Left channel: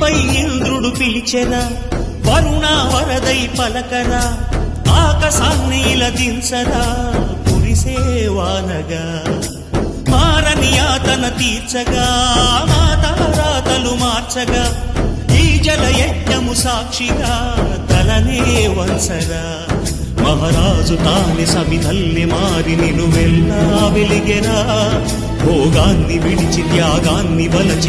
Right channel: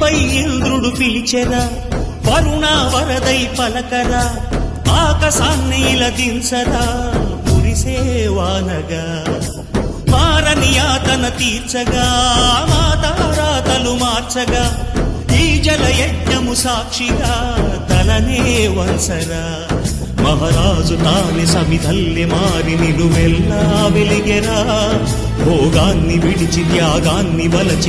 భూమిపై ఇంద్రుడు పిలిచెరా, వరుణ వరదై పలకరా, ఆకాశాన్ని ఇలా దించరా కురిసేవానగా, మారని యాతన తీర్చగా మాతారాతలు మార్చగా, ఈ జల యజ్ఞము సాక్షిగా తలనే వంచరా. మహారాజు తానే సమిధల్లి మారి నిలువెల్లా వెలిగెరా, భోగాన్ని విడిచి త్యాగాన్ని వలచి